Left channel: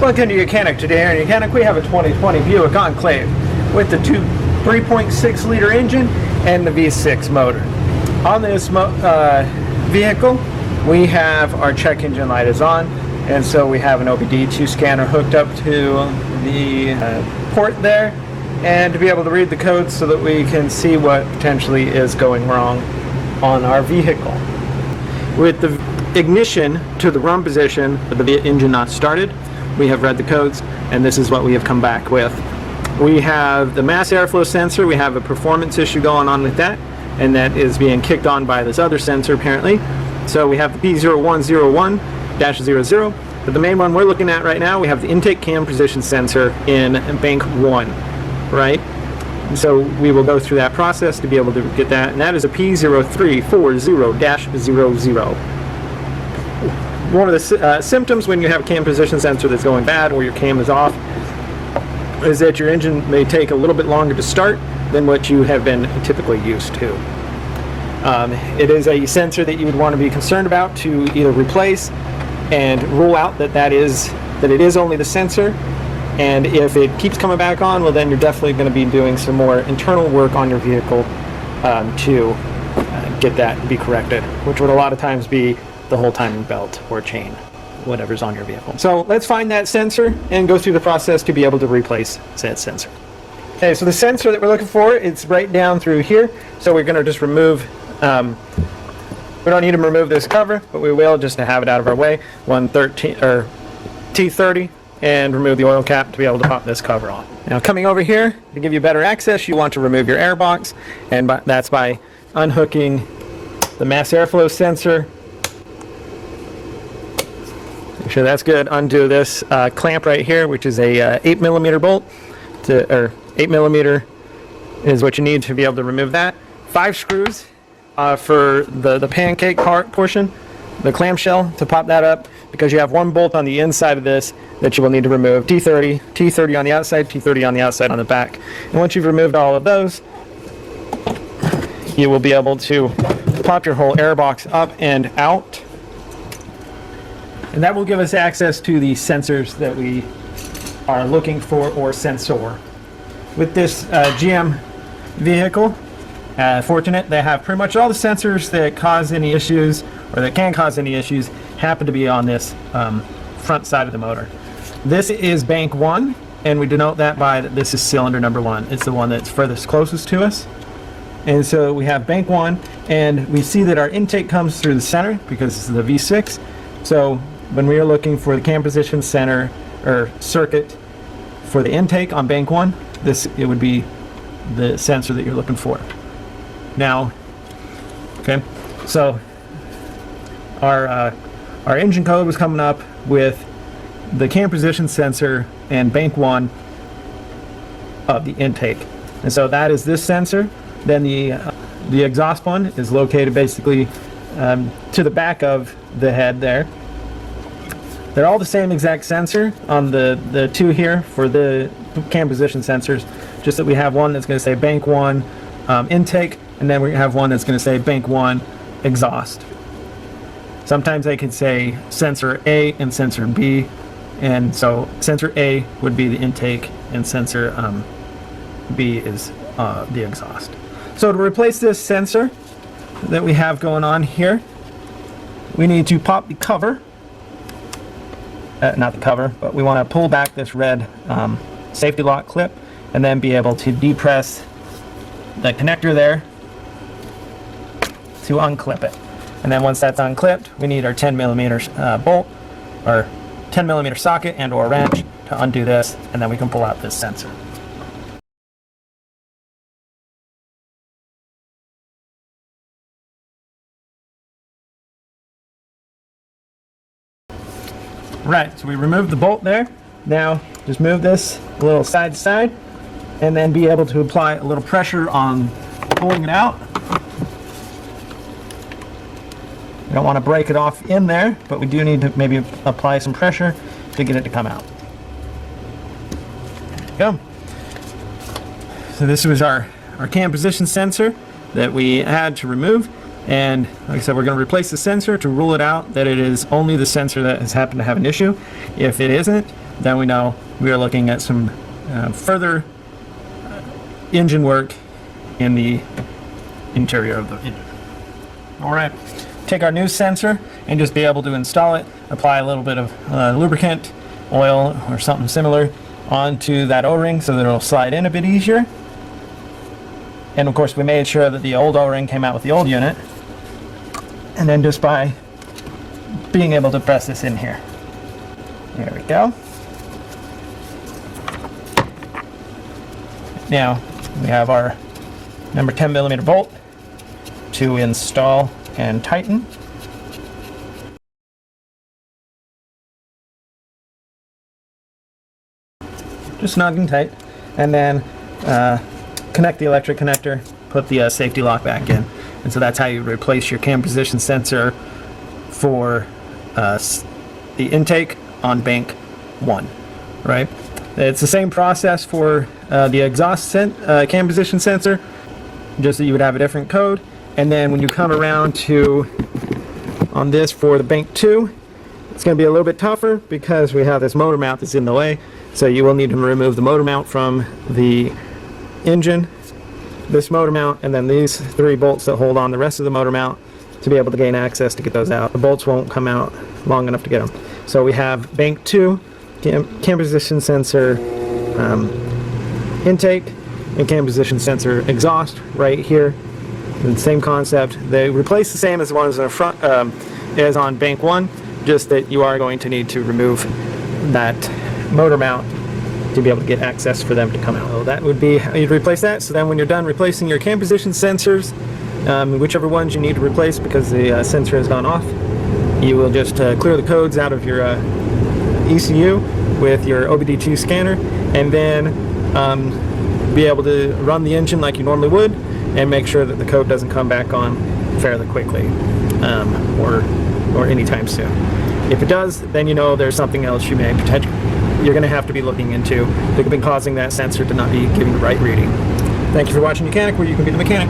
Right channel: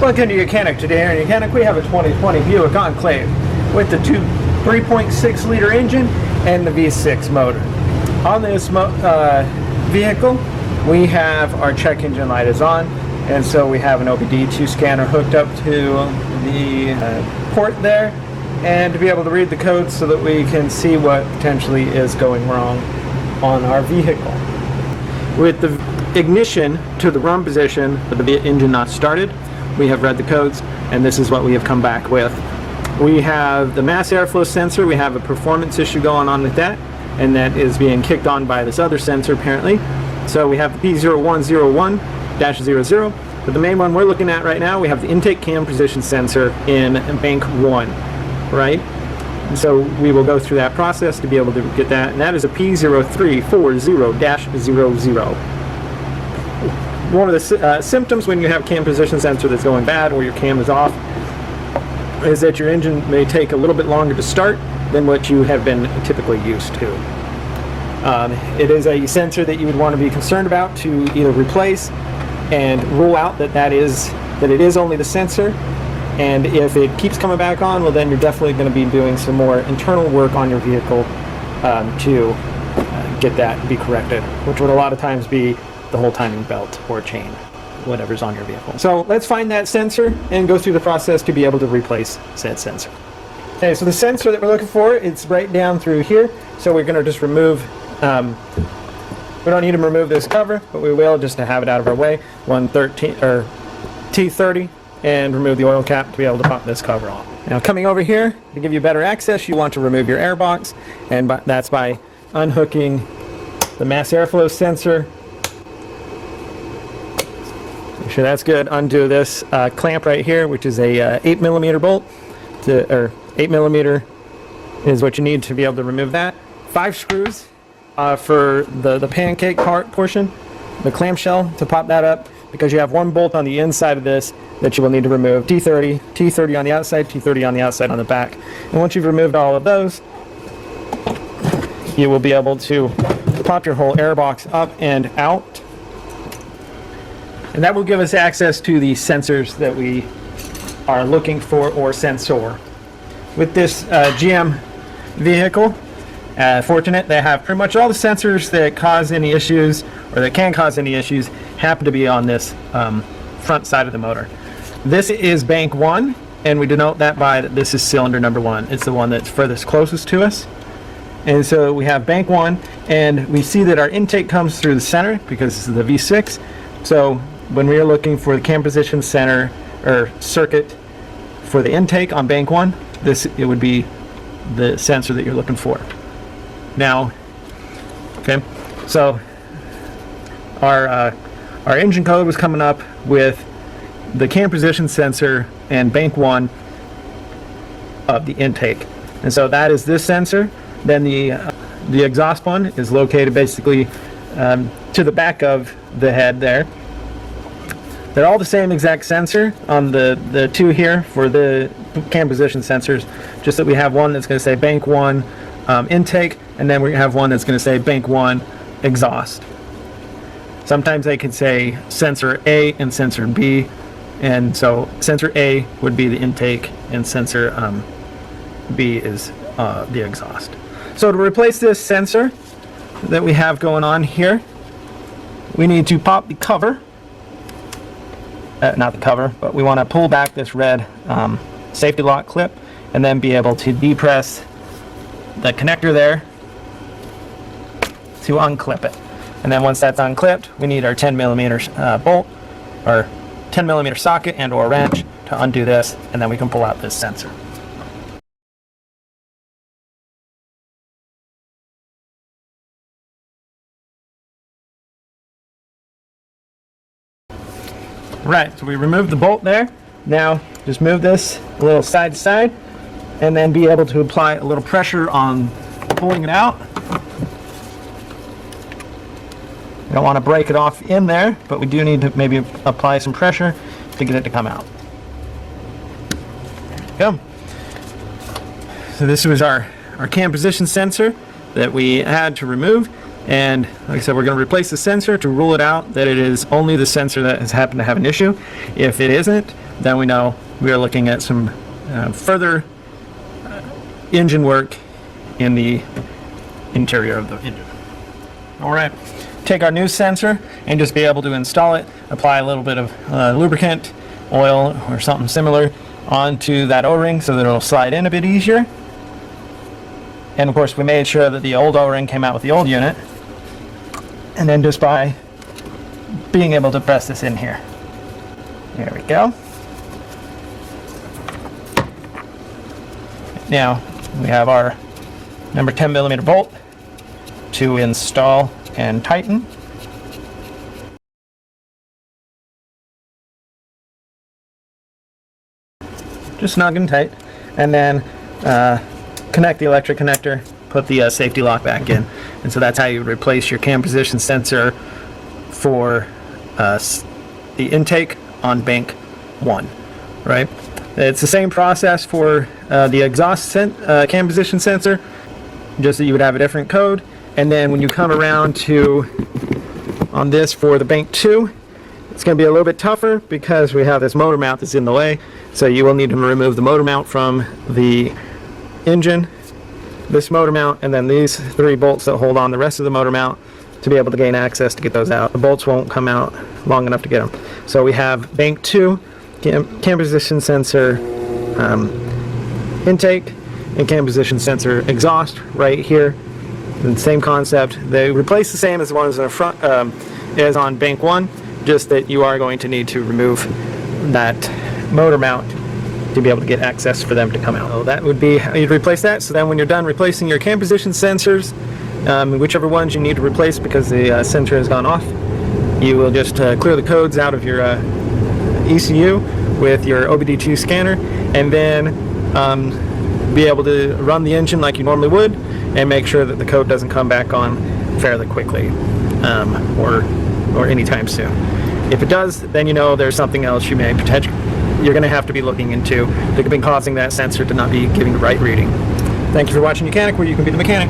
Welcome to YOUCANIC. Today here in YOUCANIC we have a 2020 Buick Enclave with the 3.6 liter engine and the V6 motor. On this vehicle we have our check engine light is on, and so we have an OBD2 scanner hooked up to the port there, and to be able to read the code so that we can see what potentially is going wrong on our vehicle. With the ignition to the wrong position with the engine not started, we have read the codes, and this is what we have come back with. We have the mass airflow sensor. We have a performance issue going on with that, and that is being kicked on by this other sensor apparently. So we have the P0340-00, but the main one we're looking at right now, we have the intake cam position sensor in bank 1, right? So we will go through that process to be able to get that, and that is a P0340-00. One of the symptoms when you have cam position sensor that's going bad, where your cam is off, is that your engine may take a little bit longer to start than what you have been typically used to. It is a sensor that you would want to be concerned about to either replace and rule out that it is only the sensor. And if it keeps coming back on, well then you're definitely going to be doing some more internal work on your vehicle to get that to be corrected, which would a lot of times be the whole timing belt or chain, whatever's on your vehicle. So let's find that sensor and go through the process to be able to replace that sensor. Okay, so the sensor that we're looking for, it's right down through here. So we're going to just remove, we don't need to remove this cover, but we will just to have it out of our way. T30, and remove the oil cap to be able to pop this cover on. Now coming over here, to give you better access, you want to remove your air box, and that's by unhooking the mass airflow sensor. Make sure that's good. Undo this clamp right here, which is a 8mm bolt. 8mm is what you need to be able to remove that. 5 screws for the pancake part portion, the clamshell, to pop that up, because you have 1 bolt on the inside of this that you will need to remove. T30 on the outside, T30 on the outside on the back. And once you've removed all of those, you will be able to pop your whole air box up and out. And that will give us access to the sensors that we are looking for, or sensor. With this GM vehicle, fortunate, they have pretty much all the sensors that cause any issues, or that can cause any issues, happen to be on this front side of the motor. This is bank 1, and we denote that by this is cylinder number 1. It's the one that's furthest closest to us. And so we have bank 1, and we see that our intake comes through the center because this is the V6. So when we are looking for the cam position center or circuit for the intake on bank 1, it would be the sensor that you're looking for. Now, okay, so our engine code was coming up with the cam position sensor and bank 1 of the intake, and so that is this sensor. Then the exhaust one is located basically to the back of the head there. They're all the same exact sensor on the two here for the cam position sensors, just that we have one that's going to say bank 1 intake, and then we have one that's going to say bank 1 exhaust. Sometimes they could say sensor A and sensor B, and so sensor A would be the intake and sensor B is the exhaust. So to replace this sensor that we have going on here, we need to pop the cover. Not the cover, but we want to pull back this red safety lock clip, and then be able to depress the connector there to unclip it. And then once that's unclipped, we need our 10mm bolt, or 10mm socket and or wrench to undo this, and then we can pull out this sensor. Right, so we removed the bolt there. Now just move this a little side to side, and then be able to apply a little pressure on pulling it out. You don't want to break it off in there, but we do need to maybe apply some pressure to get it to come out. Go. So this was our cam position sensor that we had to remove, And like I said, we're going to replace the sensor to rule it out that it is only the sensor that has happened to have an issue. If it isn't, then we know we are looking at some further engine work in the interior of the engine. All right, take our new sensor and just be able to install it, apply a little bit of lubricant, oil, or something similar onto that O-ring so that it'll slide in a bit easier. And of course, we made sure that the old O-ring came out with the old unit. And then just by being able to press this in here. There we go. Now we have our number 10mm bolt to install and tighten. Just snug and tight. And then connect the electric connector, put the safety lock back in. And so that's how you replace your cam position sensor for the intake on bank 1, right? It's the same process for the exhaust cam position sensor, just that you would have a different code. And then when you come around to on this for the bank 2, it's going to be a little bit tougher because we have this motor mount that's in the way. So you will need to remove the motor mount from the engine, this motor mount, and then these 3 bolts that hold on the rest of the motor mount to be able to gain access to get those out. The bolts won't come out long enough to get them. So we have bank 2 cam position sensor intake and cam position sensor exhaust right here. And same concept. They replace the same as the ones in the front is on bank 1, just that you are going to need to remove that motor mount to be able to get access for them to come out. So that would be how you'd replace that. So then when you're done replacing your cam position sensors, whichever ones you need to replace because the sensor has gone off, you will just clear the codes out of your ECU with your OBD2 scanner, and then be able to run the engine like you normally would and make sure that the code doesn't come back on fairly quickly or anytime soon. If it does, then you know there's something else you may potentially you're going to have to be looking into that could be causing that sensor to not be giving the right reading. Thank you for watching YOUCANIC, where you can be the mechanic.